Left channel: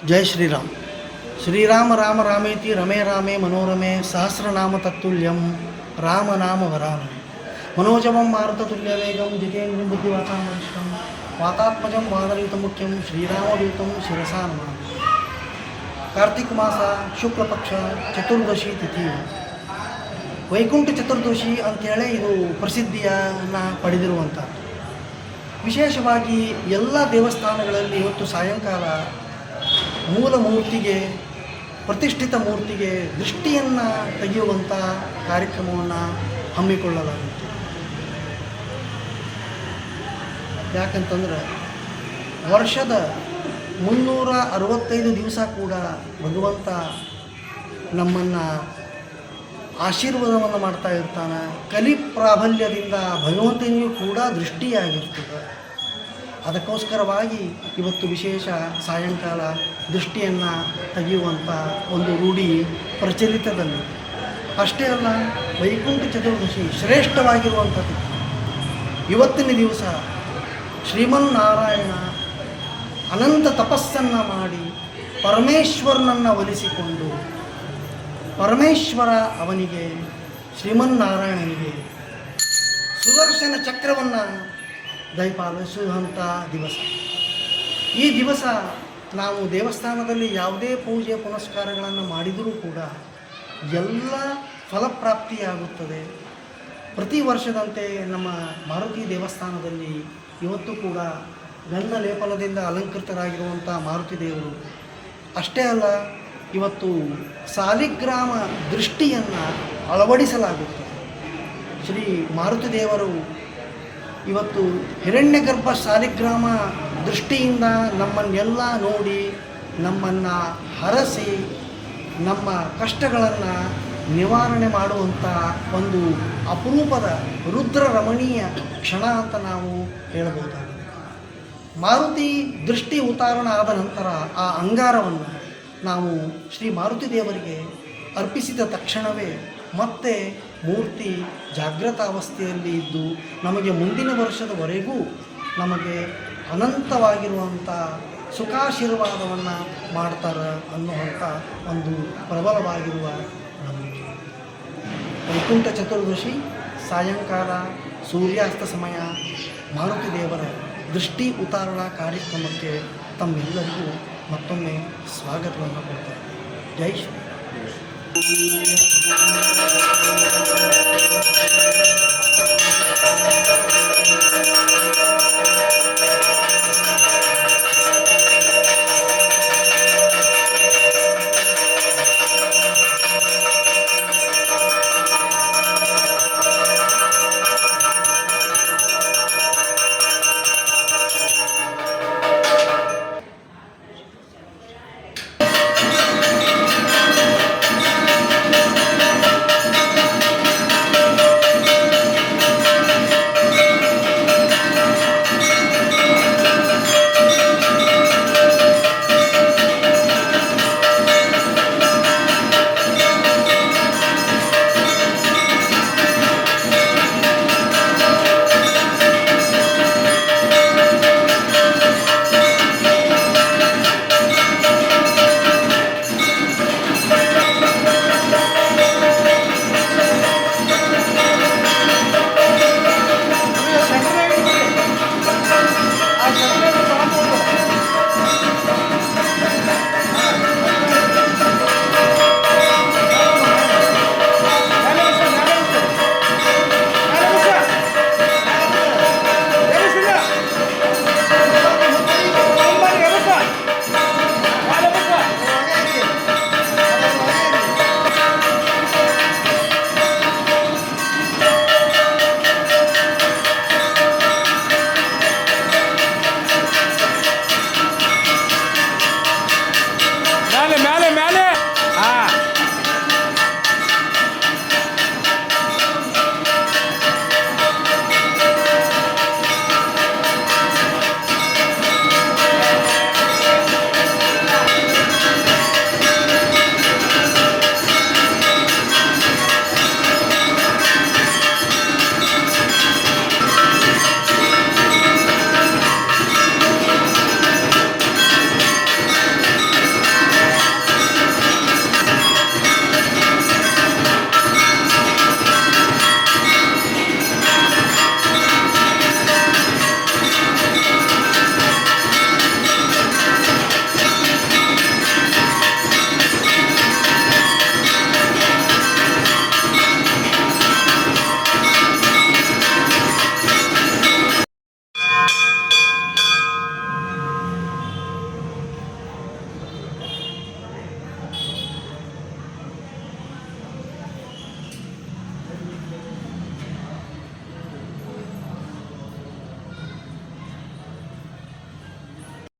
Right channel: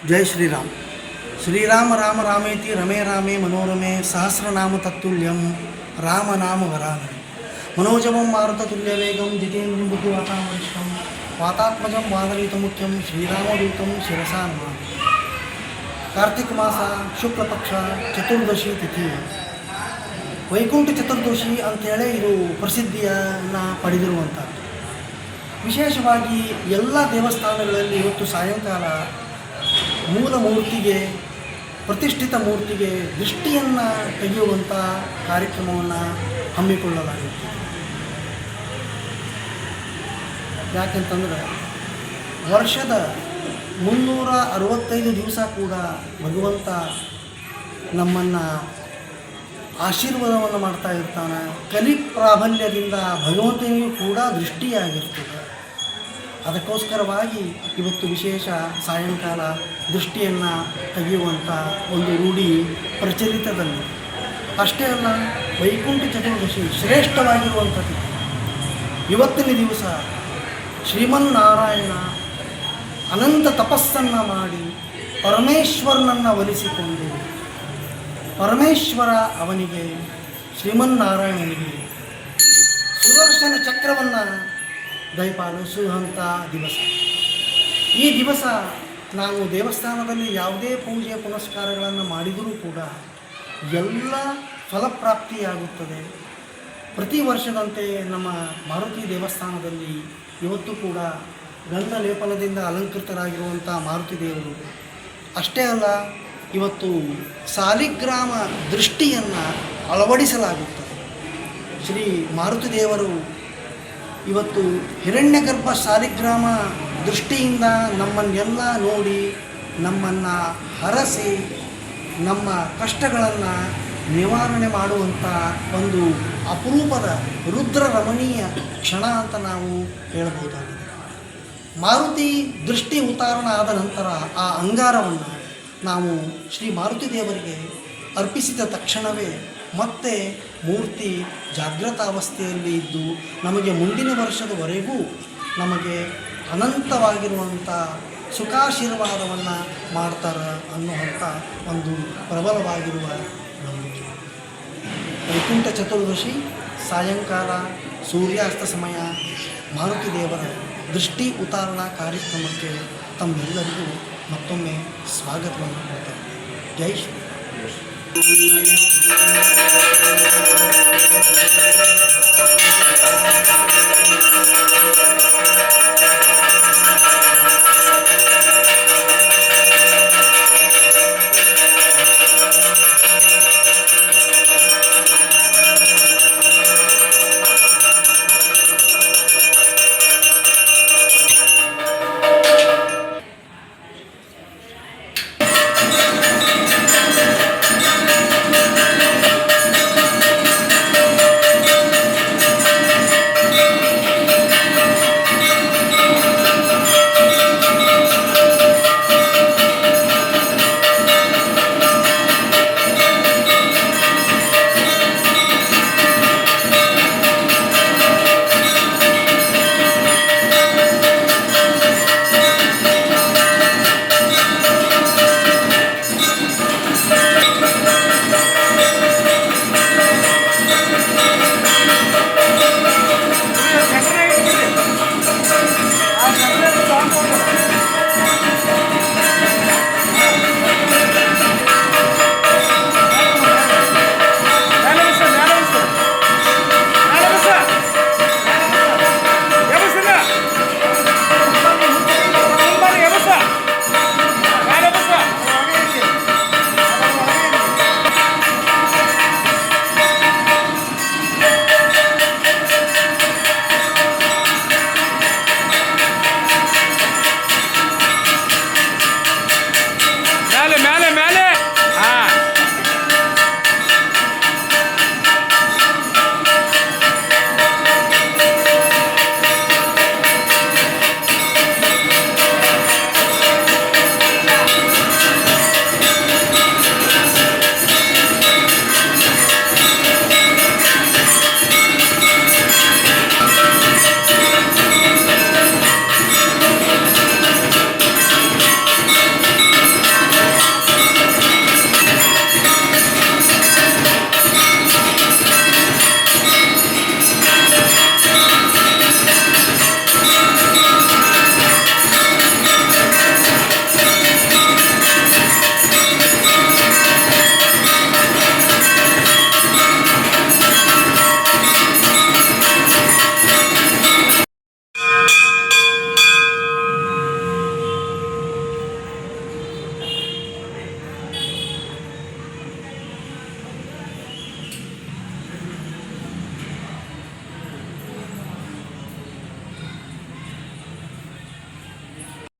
जय श्रीराम. श्रीराम राम रामेति रमे रामे मनोरमे सहस्रनाम तत्तुल्यं रामनाम वरानने मनोजवं मारुततुल्यवेगं जितेन्द्रियं बुद्धिवातामनिष्ठं वातात्मजं वादनीतमुख्यं श्रीरामदूतं शिरसा नमामि. ಕಾರ್ತಿಕ ಮಾಸ ಶುಕ್ಲ ಪಕ್ಷ ಚತುರ್ದಶಿ ತಿಥಿ ವೈಕುಂಠ ಚತುರ್ದಶಿ ಅಂಥೇಳಿ ಇದು ಪ್ರಸಿದ್ಧಿಯನ್ನು ಪಡೆದಿರುವಂಥದ್ದು. ವಿಶೇಷವಾಗಿ ಎಲ್ಲ ದೇವಸ್ಥಾನಗಳಲ್ಲಿ ಇವತ್ತು ಸಾಯಂಕಾಲ ಮೂಲ ಮೂರ್ತಿಗೆ, ಪ್ರತಿಷ್ಠಿತ ಮೂರ್ತಿಗೆ ದೃಷ್ಟಿಯನ್ನು ತೆಗೆಯುವಂಥ ಕಾರ್ಯಕ್ರಮವನ್ನು ಹಮ್ಮಿಕೊಳ್ಳಲಾಗಿತ್ತು. ಯಾಕೆಂತಂದರೆ ವರ್ಷದ 365 ದಿವಸ ಕೂಡ ಭಗವಂತ ನಮ್ಮನ್ನು ಆಶೀರ್ವಾದವನ್ನು ಮಾಡ್ತಾ ಇರ್ತಾನೆ. ಕಲಿ ಪ್ರಾಬಲ್ಯದಿಂದ ಭಗವಂತನಿಗೂ ಕೂಡ ದೃಷ್ಟಿಯಾಗಿರ್ತದೆ. ಅದಕ್ಕೋಸ್ಕರವಾಗಿ ಇವತ್ತು ವಿಶೇಷ ಸಾಯಂಕಾಲ ದೃಷ್ಟಿಯನ್ನು ತೆಗೆಯುವಂಥ ಒಂದು ರೂಢಿ ಪ್ರಚಲಿತದಲ್ಲಿದೆ. ಅಷ್ಟೇ ಅಲ್ಲ, ವೈಕುಂಠ ಚತುರ್ದಶಿ ಶ್ರೇಷ್ಠವಾಗಿರುವಂಥದ್ದು. ಇವತ್ತಿನ ದಿವಸ ಶ್ರೀಮನ್ನಾರಾಯಣ ಅನಂತ ತಪಸ್ಸನ್ನು ಮಾಡಿ ಪರಮೇಶ್ವರನನ್ನು ಒಲಿಸಿಕೊಂಡು ಪರಮೇಶ್ವರ ಅವನಿಗೆ ಶ್ರೀಮನ್ನಾರಾಯಣನಿಗೆ ಸುದರ್ಶನ ಚಕ್ರವನ್ನು ದಯಪಾಲಿಸುವಂಥ ದಿವಸ. ಈ ದಿವಸ ನಾವು ದೇವಸ್ಥಾನದಲ್ಲಿ ಯಾವುದೇ ಪೂಜೆ ಪುನಸ್ಕಾರಗಳನ್ನು ಮಾಡಿದರೂ ಕೂಡ ಎಲ್ಲ ಫಲಪ್ರಾಪ್ತಿಯಾಗುತ್ತದೆ. ಪ್ರತಿ ವರ್ಷದಂತೆ ನಮ್ಮ ಮಾರುತಿ ದೇವಸ್ಥಾನದಲ್ಲಿ ಇವತ್ತು ಕೂಡ ಗಂಧ ಲೇಪನದಿಂದ ಅಲಂಕೃತರಾಗಿರುವಂಥ ಮಾರುತಿ ದೇವರು. ಅಷ್ಟೇ ಅಲ್ಲ, ಇವತ್ತು ಸಾಲಿಗ್ರಾಮ ದೃಷ್ಟಿಯನ್ನು ಅಳವಡಿಸಲಾಗುತ್ತದೆ. ಶ್ರೀ ಮಾರುತಿ ದೇವರು ಇವತ್ತು ಹಿರಣ್ಯಗರ್ಭ ಸಾಲಿಗ್ರಾಮ ದೃಷ್ಟಿಯಿಂದ ನಮ್ಮನ್ನೆಲ್ಲ ನೋಡಿ ನಮ್ಮನ್ನು ಹರಸಿ ನಮ್ಮ ಕಷ್ಟಗಳನ್ನು ನಿವಾರಣೆ ಮಾಡುವಂಥ ಒಂದು ಅಪರೂಪದ ರುದ್ರ ರಮಣೀಯ ಕ್ಷಣ ಅಂತ ನಾವು ಹೇಳಬಹುದಾಗಿದೆ. ಮಾರುತಿ ದೃಷ್ಟಿ ಉತ್ತಾರಣ ಆದ ನಂತರ ಆ ಅಂಗಾರವನ್ನು ನಾವು ಶ್ರೀ ಮಾರುತಿ ದೇವರಿಗೆ ಅರ್ಪಿಸಿದ ತಕ್ಷಣವೇ ಮತ್ತೆ ಮೂರ್ತಿ ಜಾಗೃತಾವಸ್ಥೆಯಲ್ಲಿ ಇದ್ದು ನಮಗೆ ಮುಂದಿನ ವರ್ಷದವರೆಗೂ ನಮಗೆ ಅನಂತವಾಗಿರುವಂಥ ಸುಖಾಶೀರ್ವಾದವನ್ನು ಮಾಡ್ತಾರೆ ಅನ್ನುವಂಥ ಒಂದು ಪ್ರಬಲವಾಗಿರುವ ನಂಬಿಕೆ. ವೈಕುಂಠ ಚತುರ್ದಶಿ ಸಾಯಂಕಾಲ ಸೂರ್ಯಾಸ್ತ ಸಮಯ ಮಾರುತಿ ದೇವರ ದೃಷ್ಟಿ ಉತ್ತಾರಣಾ ಕಾರ್ಯಕ್ರಮಕ್ಕೆ ತಮ್ಮೆಲ್ಲರಿಗೂ ಮತ್ತೊಮ್ಮೆ ಸ್ವಾಗತವನ್ನು ಕೊಡ್ತಾರೆ. ಜೈ ಶ್ರೀ